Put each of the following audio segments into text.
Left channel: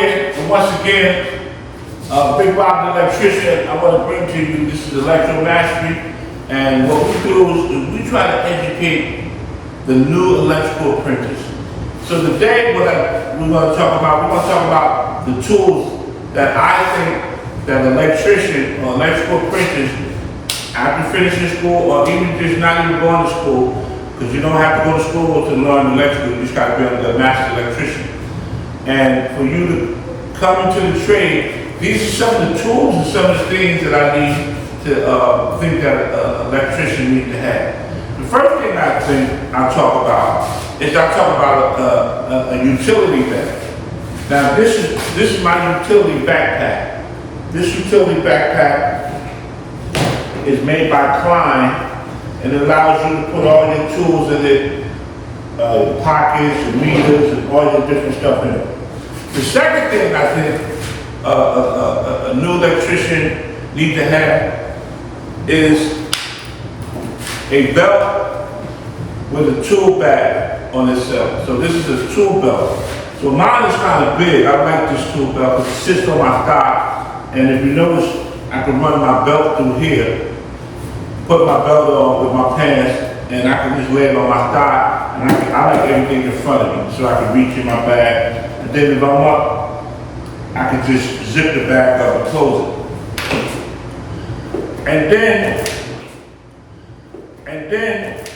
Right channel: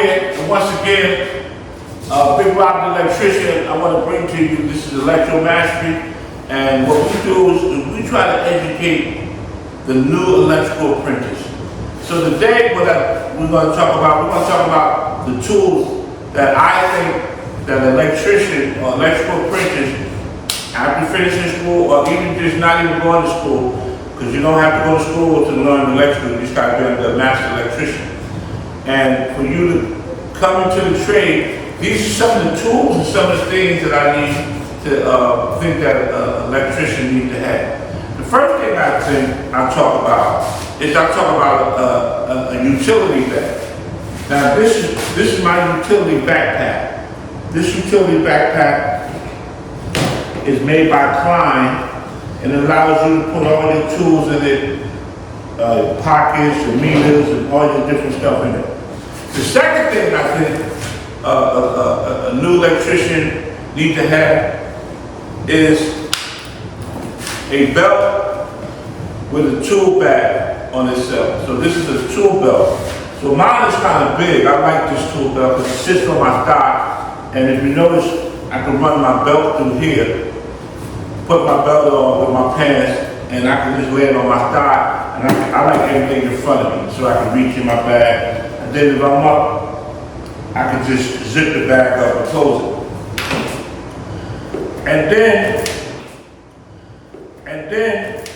here, and once again, Big Rob the electrician, I want to bring to you, this is Electro Mastery, and what we do is we try to educate the new electrical apprentice. So today, we're going to talk about the tools that I think that an electrician or electrical apprentice, after finishing school, or even just not even going to school, because you don't have to go to school to learn electrical, you just got to be a master electrician. And for you to come into the trade, these are some of the tools and some of the things that I need to think that an electrician needs to have. The first thing I think I talk about is a utility bag. Now this is my utility backpack. This utility backpack is made by Klein and it allows you to put all your tools in it, pockets and meters and all your different stuff in it. The second thing I think a new electrician needs to have is a belt with a tool bag on itself. So this is a tool belt. So mine is kind of big. I like this tool belt because it sits on my thigh. And if you notice, I can run my belt through here, put my belt on with my pants, and I can just lay it on my thigh. And I like everything in front of me, so I can reach in my bag. And then if I'm up, I can just zip the bag up and close it. And then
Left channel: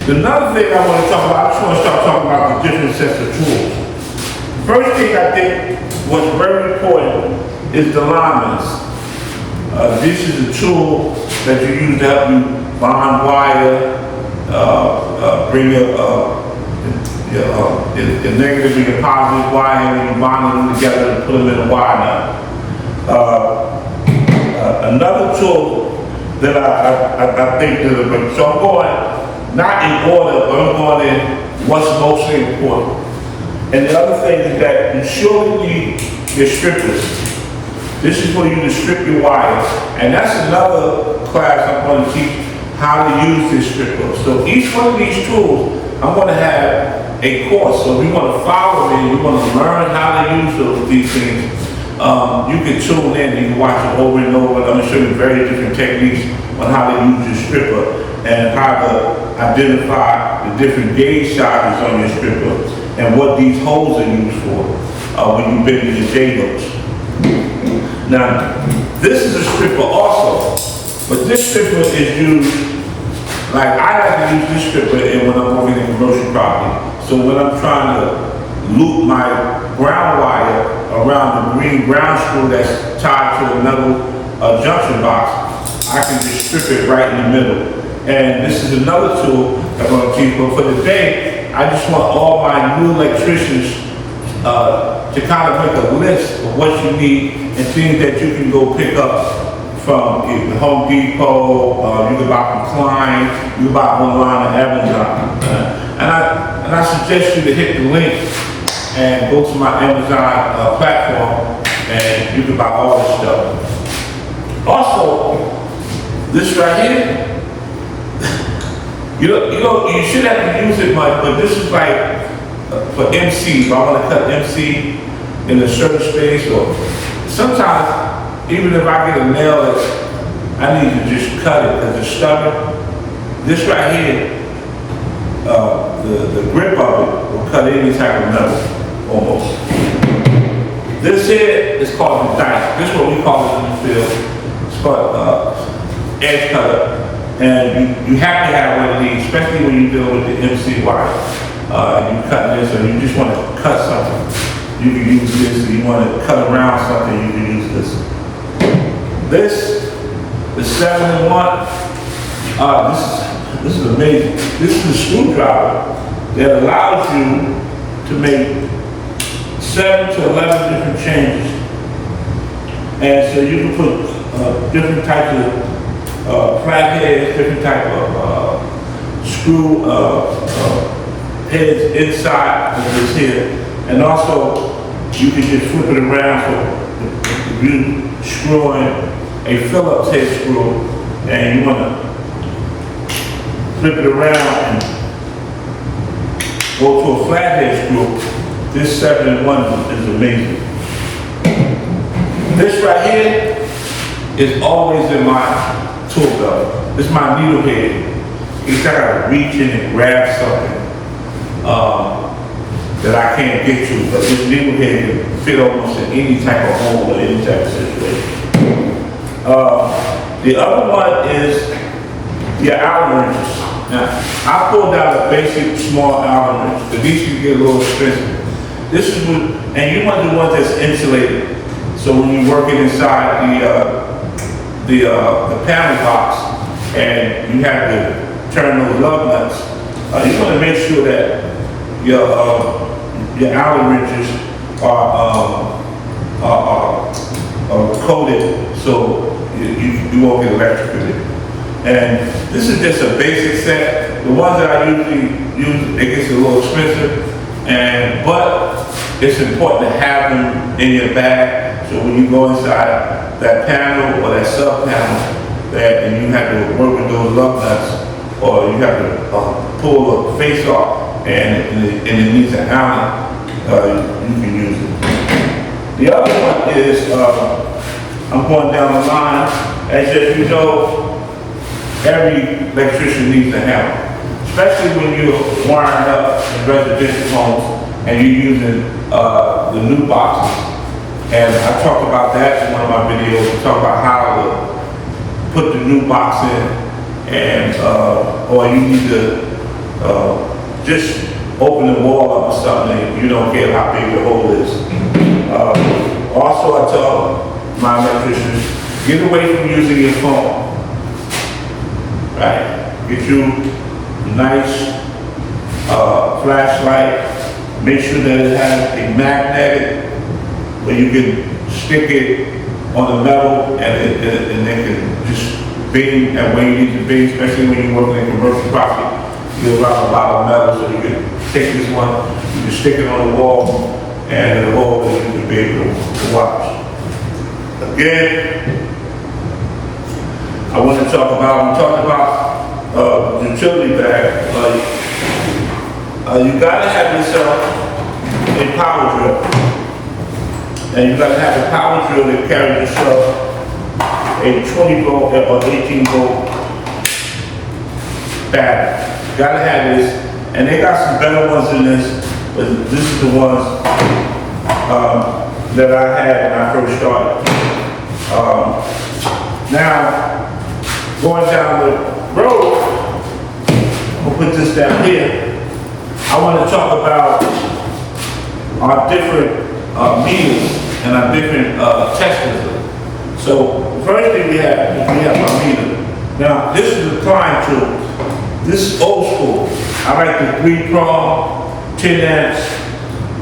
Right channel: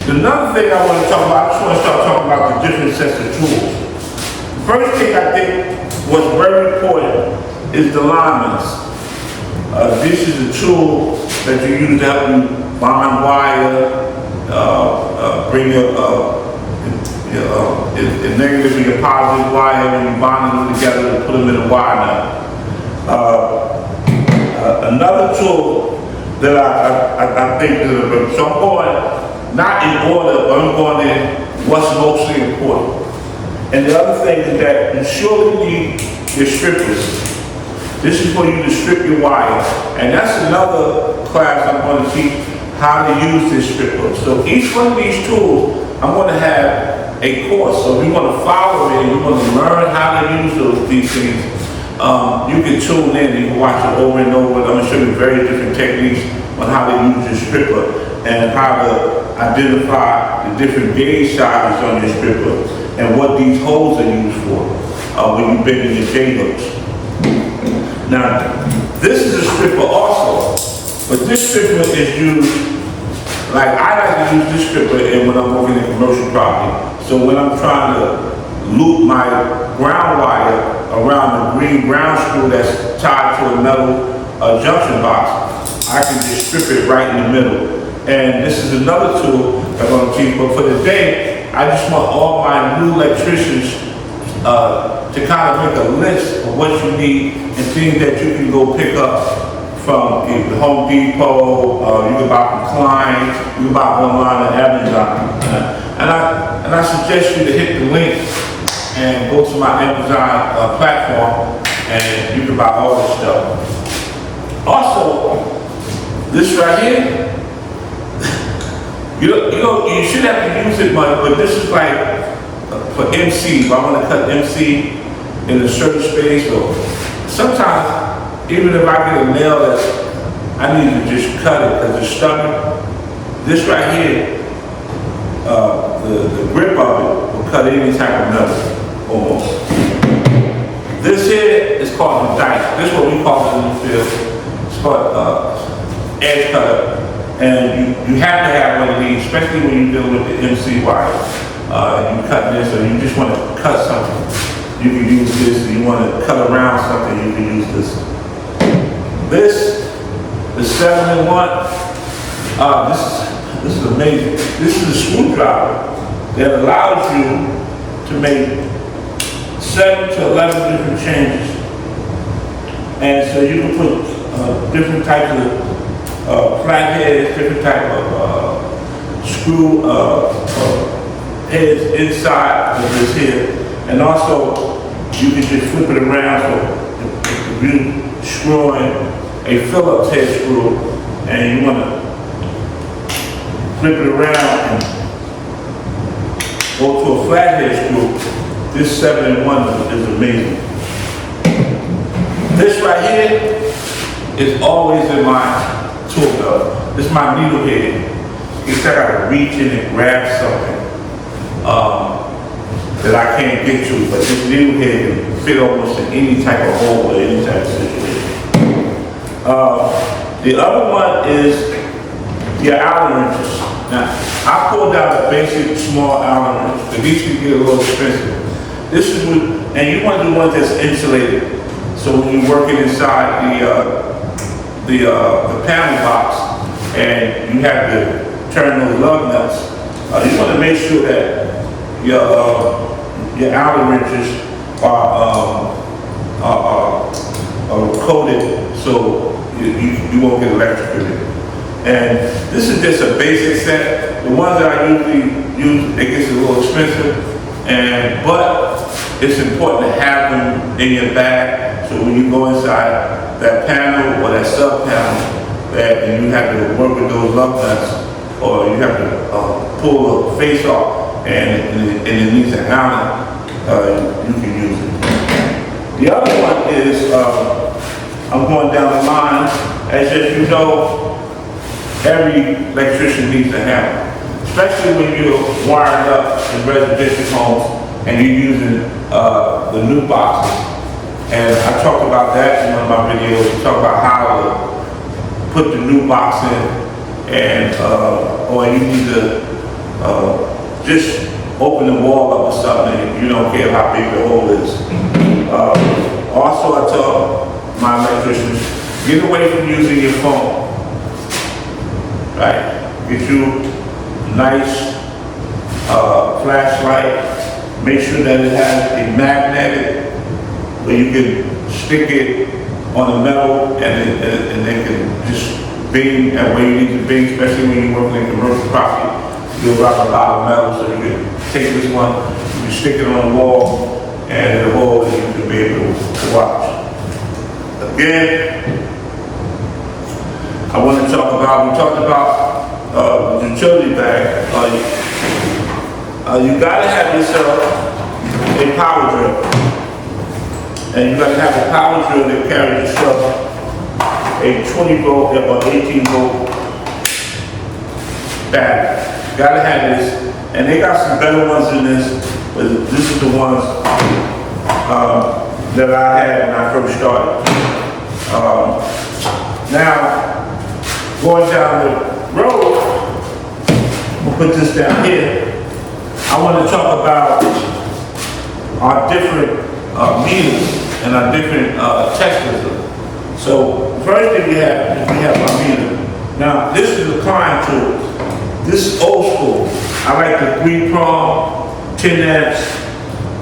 another thing I want to talk about, I just want to start talking about the different sets of tools. The first thing I think was very important is the lineman's. This is a tool that you use to help you bond wire, bring your negative and your positive wire when you bond them together and put them in a wire now. Another tool that I think is, so I'm going not in order, but I'm going in what's mostly important. And the other thing is that you surely need your strippers. This is for you to strip your wire. And that's another class I'm going to teach how to use this stripper. So each one of these tools, I'm going to have a course. So if you want to follow me, you want to learn how to use these things, you can tune in, you can watch it over and over. I'm going to show you very different techniques on how to use your stripper and how to identify the different gauge sizes on your stripper and what these holes are used for when you bend your J-hooks. Now, this is a stripper also, but this stripper is used, like I like to use this stripper when I'm working in commercial property. So when I'm trying to loop my ground wire around the green ground screw that's tied to a metal junction box, I can just strip it right in the middle. And this is another tool I'm going to teach, but for today, I just want all my new electricians to kind of make a list of what you need and things that you can go pick up from the Home Depot, you can buy from Klein, you can buy online on Amazon. And I suggest you to hit the link and go to my Amazon platform and you can buy all this stuff. Also, this right here, you should have to use it much, but this is like for MC. If I want to cut MC in a certain space, or sometimes even if I get a nail that's, I need to just cut it because it's stubborn. This right here, the grip of it will cut any type of metal, almost. This here is called the dice. This is what we call it in the field. It's called edge cutter. And you have to have one of these, especially when you deal with the MC wire. You cut this, or you just want to cut something, you can use this. If you want to cut around something, you can use this. This, the 7-in-1, this is amazing. This is a screwdriver that allows you to make 7 to 11 different changes. And so you can put different types of flatheads, different type of screw heads inside of this here. And also, you can just flip it around. So if you're screwing a Phillips head screw and you want to flip it around and go to a flathead screw, this 7-in-1 is amazing. This right here is always in my tool belt. This is my needle head. It's like I gotta reach in and grab something that I can't get to, but this needle head can fit almost in any type of hole or any type of situation. The other one is your Allen wrenches. Now, I pulled out a basic small Allen wrench, but these can get a little expensive. This is what, and you want the one that's insulated. So when you're working inside the panel box and you have to turn those lug nuts, you want to make sure that your Allen wrenches are coated so you won't get electrocuted. And this is just a basic set. The ones that I usually use, it gets a little expensive, but it's important to have them in your bag, so when you go inside that panel or that sub panel, and you have to work with those lug nuts, or you have to pull the face off, and it needs an Allen, you can use it. The other one is, I'm going down the line, as you know, every electrician needs a hammer, especially when you're wiring up in residential homes and you're using the new boxes. And I talked about that in one of my videos. We talk about how to put the new box in, and or you need to just open the wall up or something. You don't care how big the hole is. Also, I tell my electricians, get away from using your phone. Right? Get you a nice flashlight. Make sure that it has a magnetic where you can stick it on the metal and it can just bing at where you need to bing, especially when you're working in commercial property. You'll have a lot of metal, so you can take this one, you can stick it on the wall, and it'll hold it, you can be able to watch. Again, I want to talk about, we talked about the utility bag. You gotta have yourself a power drill. And you gotta have a power drill that carries yourself a 20 volt or 18 volt battery. You gotta have this, and they got some better ones in this, but this is the ones that I had when I first started. Now, going down the road, we'll put this down here. I want to talk about our different meters and our different testers. So the first thing we have is our meter. Now this is a Klein tool. This is old school. I like the 3-prong, 10 amps,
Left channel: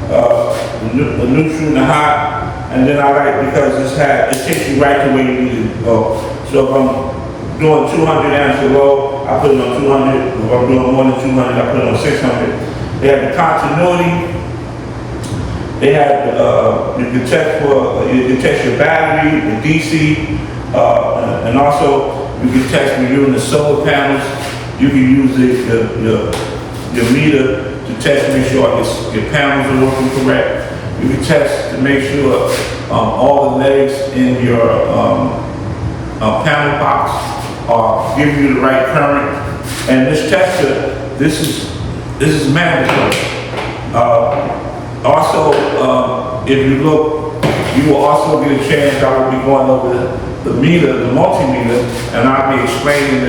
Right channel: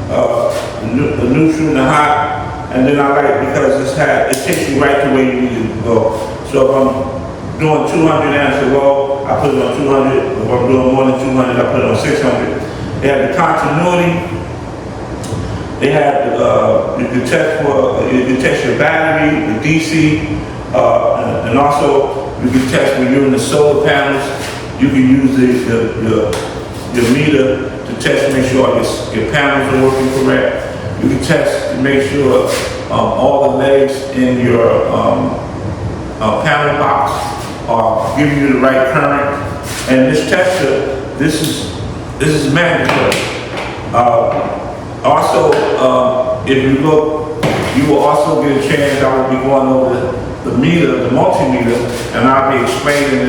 the neutral and the hot, and then I like it because it takes you right to where you need to go. So if I'm doing 200 amps or low, I put it on 200. If I'm doing more than 200, I put it on 600. They have the continuity. They have you can test your battery, the DC, and also you can test when you're in the solar panels. You can use your meter to test to make sure your panels are working correct. You can test to make sure all the legs in your panel box are giving you the right current. And this tester, this is mandatory. Also, if you look, you will also get a chance. I will be going over the meter, the multimeter, and I'll be explaining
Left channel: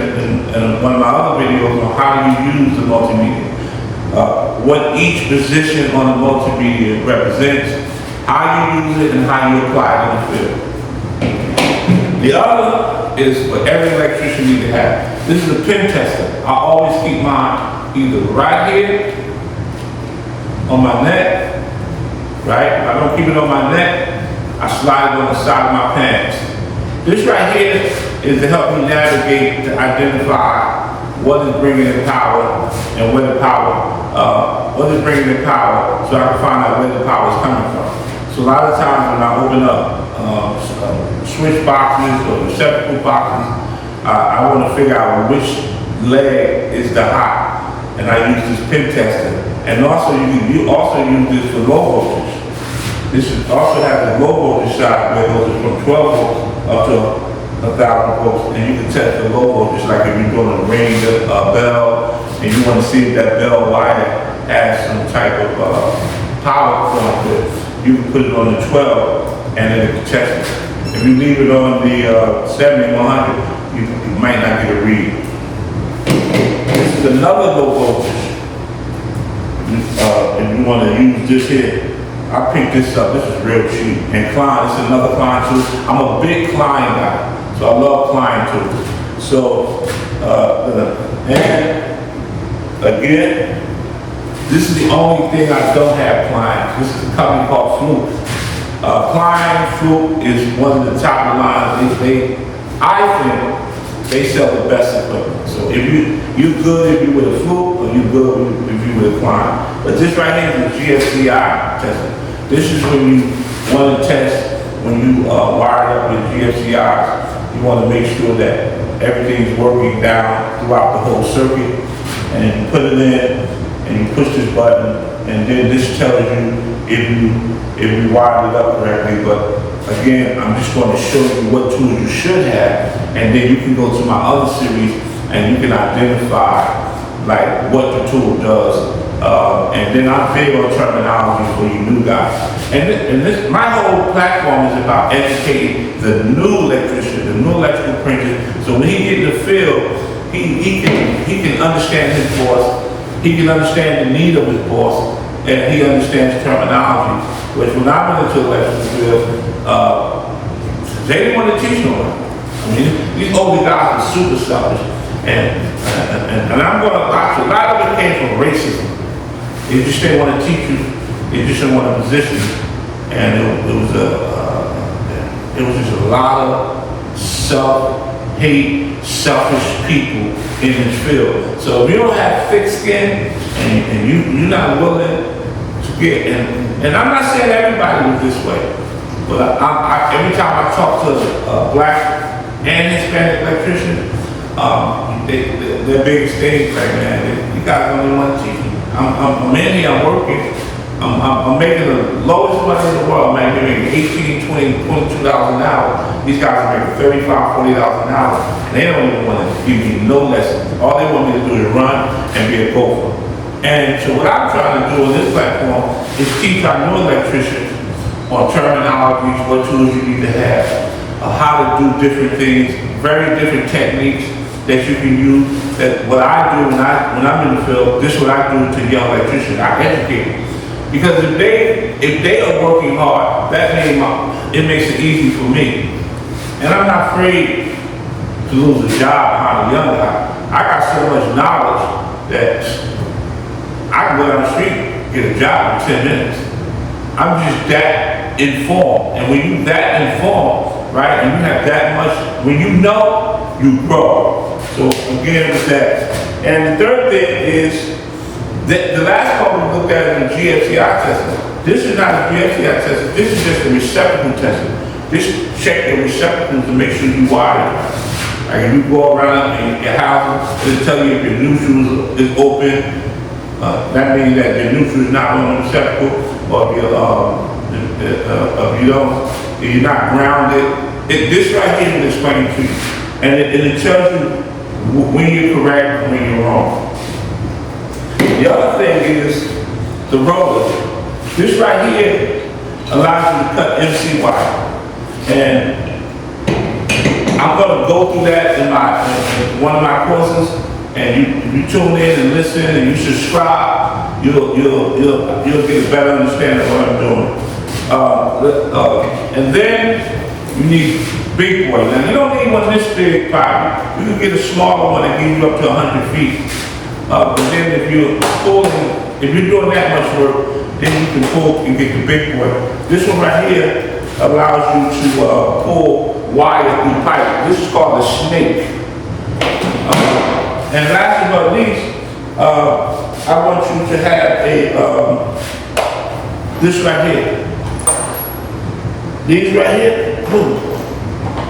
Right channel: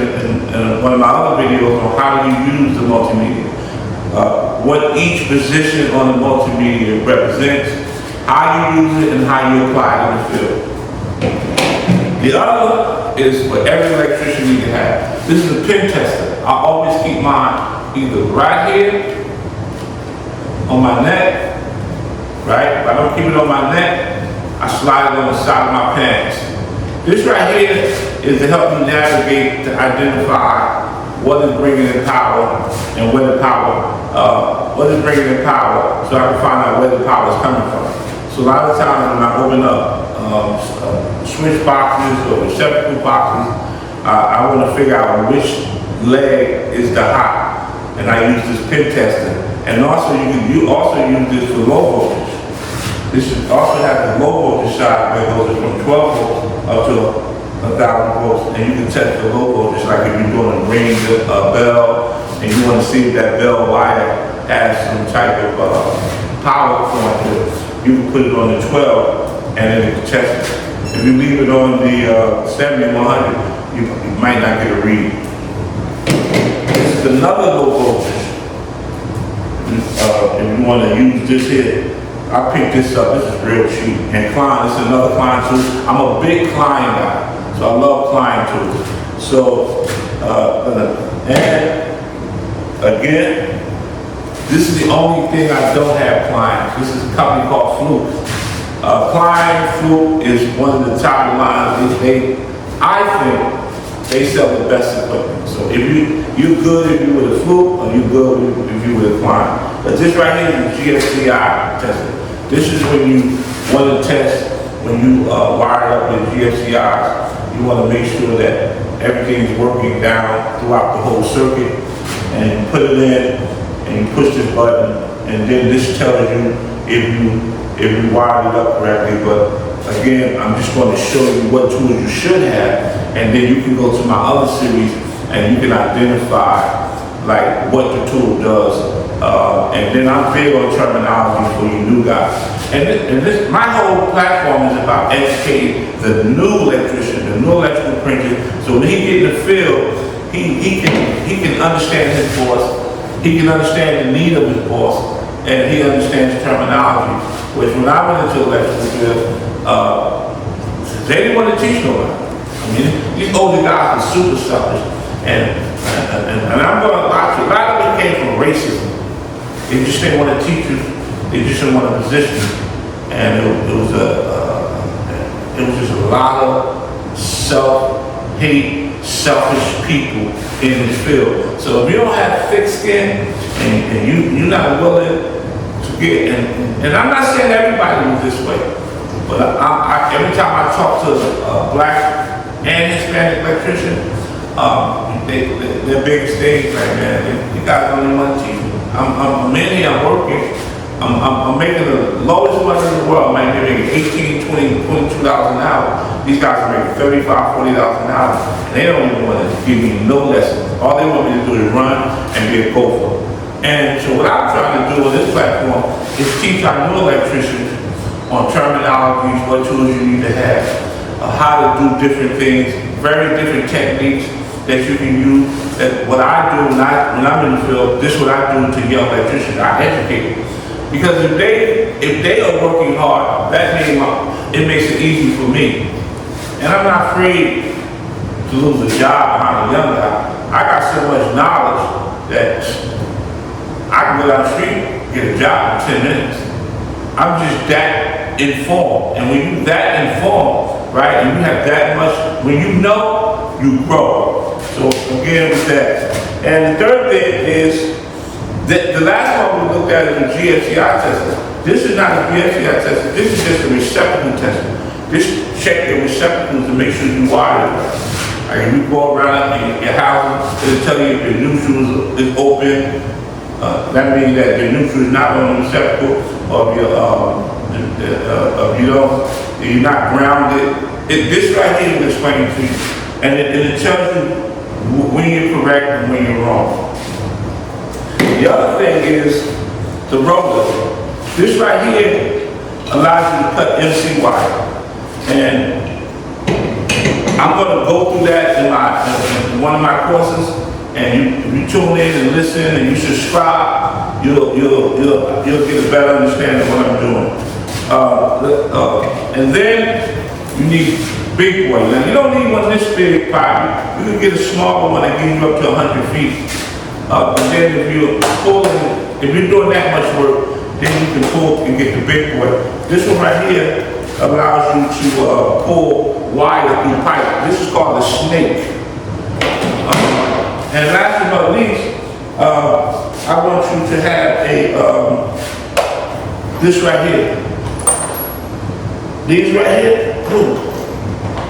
in one of my other videos on how do you use the multimeter, what each position on the multimeter represents, how you use it, and how you apply it in the field. The other is what every electrician needs to have. This is a pin tester. I always keep mine either right here on my neck, right? If I don't keep it on my neck, I slide it on the side of my pants. This right here is to help me navigate, to identify what is bringing in power and where the power, what is bringing in power, so I can find out where the power is coming from. So a lot of times when I open up switch boxes or receptacle boxes, I want to figure out which leg is the hot, and I use this pin tester. And also you also use this for low voltage. This also has a low voltage side where it goes from 12 volts up to 1,000 volts, and you can test the low voltage, like if you're doing a ring bell, and you want to see if that bell wire has some type of power going to it. You can put it on the 12, and then it can test it. If you leave it on the 70 100, you might not get a read. This is another low voltage. If you want to use this here, I picked this up. This is real cheap. And Klein, this is another Klein tool. I'm a big Klein guy, so I love Klein tools. So, and again, this is the only thing I don't have Klein. This is a company called Fluke. Klein Fluke is one of the top of the line. I think they sell the best equipment. So if you're good if you with a Fluke, or you're good if you with a Klein. But this right here is the GFCI tester. This is when you want to test, when you wire it up with GFCIs, you want to make sure that everything's working down throughout the whole circuit. And you put it in, and you push this button, and then this tells you if you wired it up correctly. But again, I'm just going to show you what tools you should have, and then you can go to my other series and you can identify like what the tool does. And then I'm big on terminology for you new guys. And this, my whole platform is about educating the new electrician, the new electrical apprentice. So when he get in the field, he can understand his boss. He can understand the need of his boss, and he understands terminology. Which when I went into the electrical field, they didn't want to teach nobody. I mean, these older guys are super selfish, and I'm going to lie to you. A lot of it came from racism. They just didn't want to teach you. They just didn't want to position you, and it was just a lot of self-hate, selfish people in this field. So if you don't have thick skin and you're not willing to get, and I'm not saying everybody was this way, but every time I talk to a black and Hispanic electrician, their biggest thing, right, man, you guys don't even want to teach me. I'm in here, I'm working, I'm making the lowest money in the world. I might be making $18, $20, $22 an hour. These guys are making $35, $40 an hour, and they don't even want to give me no lessons. All they want me to do is run and be a gopher. And so what I'm trying to do on this platform is teach our new electricians on terminologies, what tools you need to have, how to do different things, very different techniques that you can use. That what I do when I'm in the field, this is what I do to young electricians. I educate them. Because if they are working hard, it makes it easy for me. And I'm not afraid to lose a job behind a young guy. I got so much knowledge that I can go down the street, get a job in 10 minutes. I'm just that informed. And when you're that informed, right, and you have that much, when you know, you grow. So again with that. And the third thing is, the last one we looked at is the GFCI testing. This is not a GFCI testing, this is just a receptacle testing. Just check your receptacles to make sure you wire it right. Like if you go around in your house, it'll tell you if your neutral is open. That means that your neutral is not on the receptacle, or if you're not grounded. This right here will explain it to you. And it tells you when you're correct and when you're wrong. The other thing is the roller. This right here allows you to cut MC wire. And I'm going to go through that in one of my courses. And if you tune in and listen and you subscribe, you'll get a better understanding of what I'm doing. And then you need big boy. Now you don't need one this big probably. You can get a smaller one that gives you up to 100 feet. But then if you're doing that much work, then you can pull and get the big boy. This one right here allows you to pull wire through pipe. This is called a snake. And last but not least, I want you to have this right here. These right here, boom.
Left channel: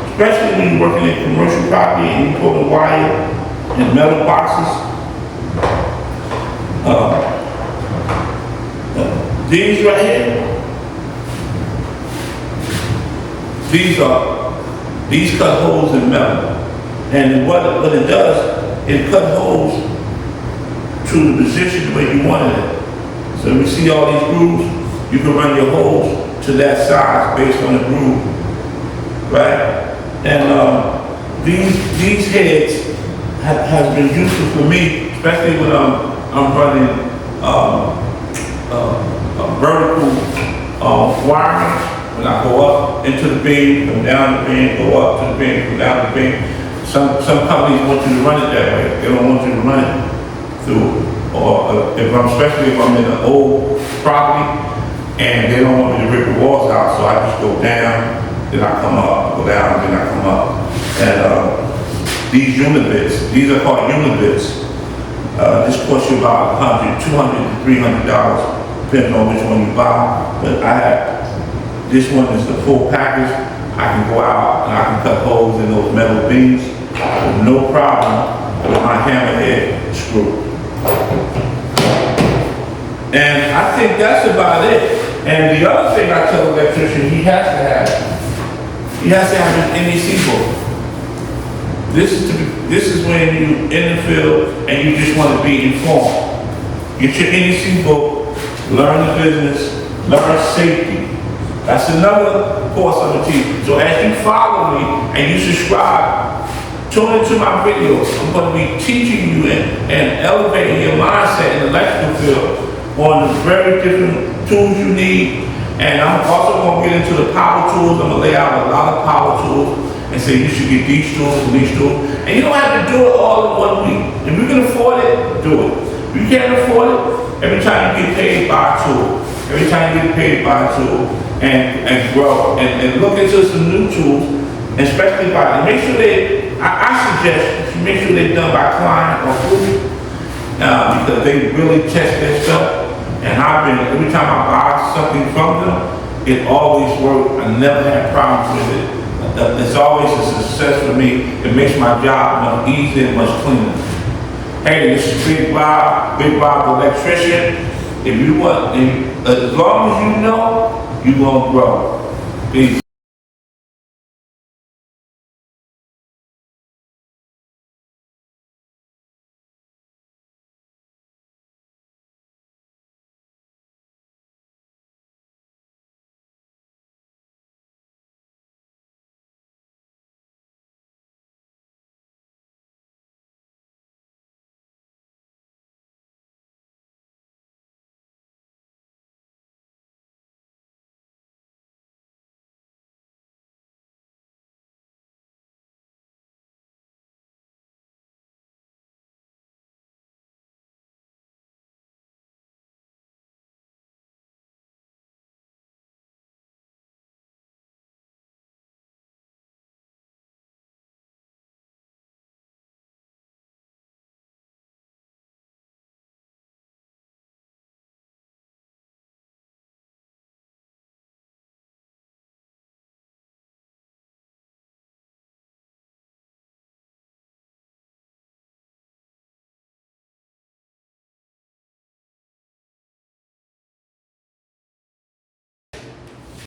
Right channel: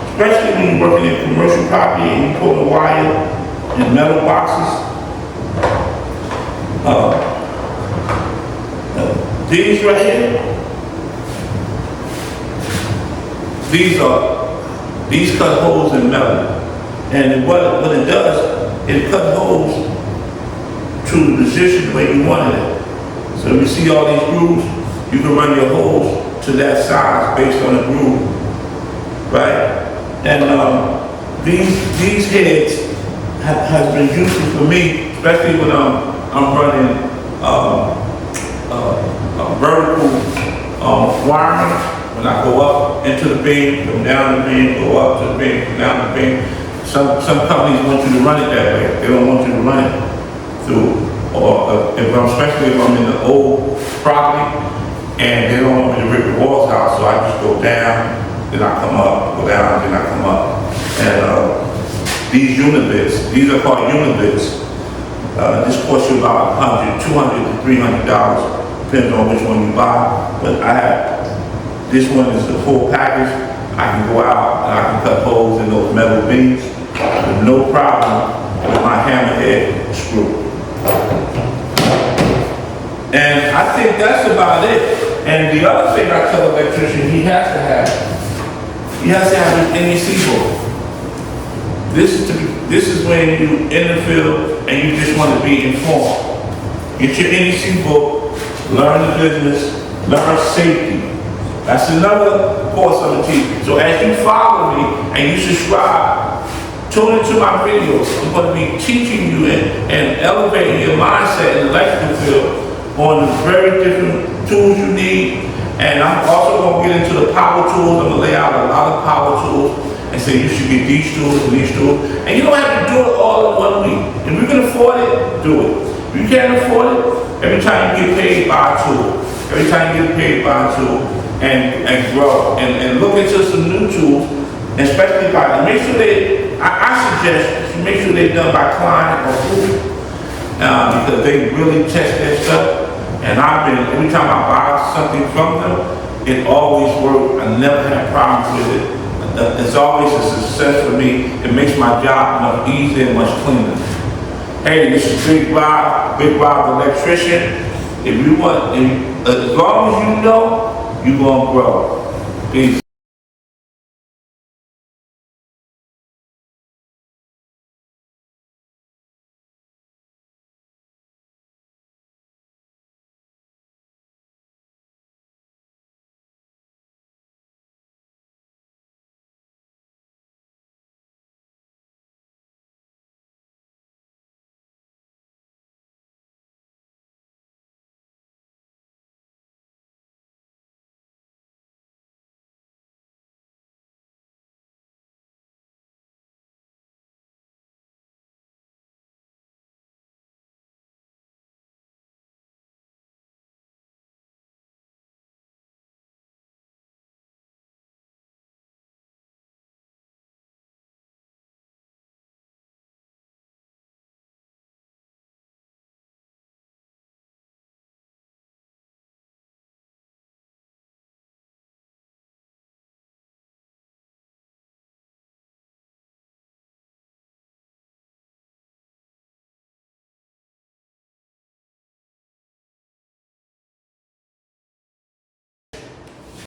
Especially when you're working in commercial property and you pull the wire in metal boxes. These right here, these cut holes in metal. And what it does, it cut holes to the position the way you wanted it. So if you see all these grooves, you can run your holes to that size based on the groove, right? And these heads has been useful for me, especially when I'm running vertical wiring. When I go up into the beam, come down the beam, go up to the beam, come down the beam. Some companies want you to run it that way. They don't want you to run it through, or especially if I'm in an old property and they don't want me to rip the walls out, so I just go down, then I come up, go down, then I come up. And these unibits, these are called unibits. This costs you about $100, $200 to $300, depends on which one you buy. But I have, this one is the full package. I can go out and I can cut holes in those metal beams with no problem with my hammerhead screw. And I think that's about it. And the other thing I tell the electrician he has to have his NEC book. This is when you in the field and you just want to be informed. Get your NEC book, learn the business, learn safety. That's another course on the teach. So as you follow me and you subscribe, tune into my videos. I'm going to be teaching you and elevating your mindset in the electrical field on the very different tools you need. And I'm also going to get into the power tools. I'm going to lay out a lot of power tools and say you should get these tools and these tools. And you don't have to do it all in 1 week. If you can afford it, do it. If you can't afford it, every time you get paid, buy a tool. Every time you get paid, buy a tool. And grow. And look into some new tools, especially by, make sure I suggest you make sure they're done by client or food, because they really test their stuff. And every time I buy something from them, it always works. I never had problems with it. It's always a success for me. It makes my job much easier and much cleaner. Hey, this is Big Bob the electrician. If you want, as long as you know, you're gonna grow. Peace.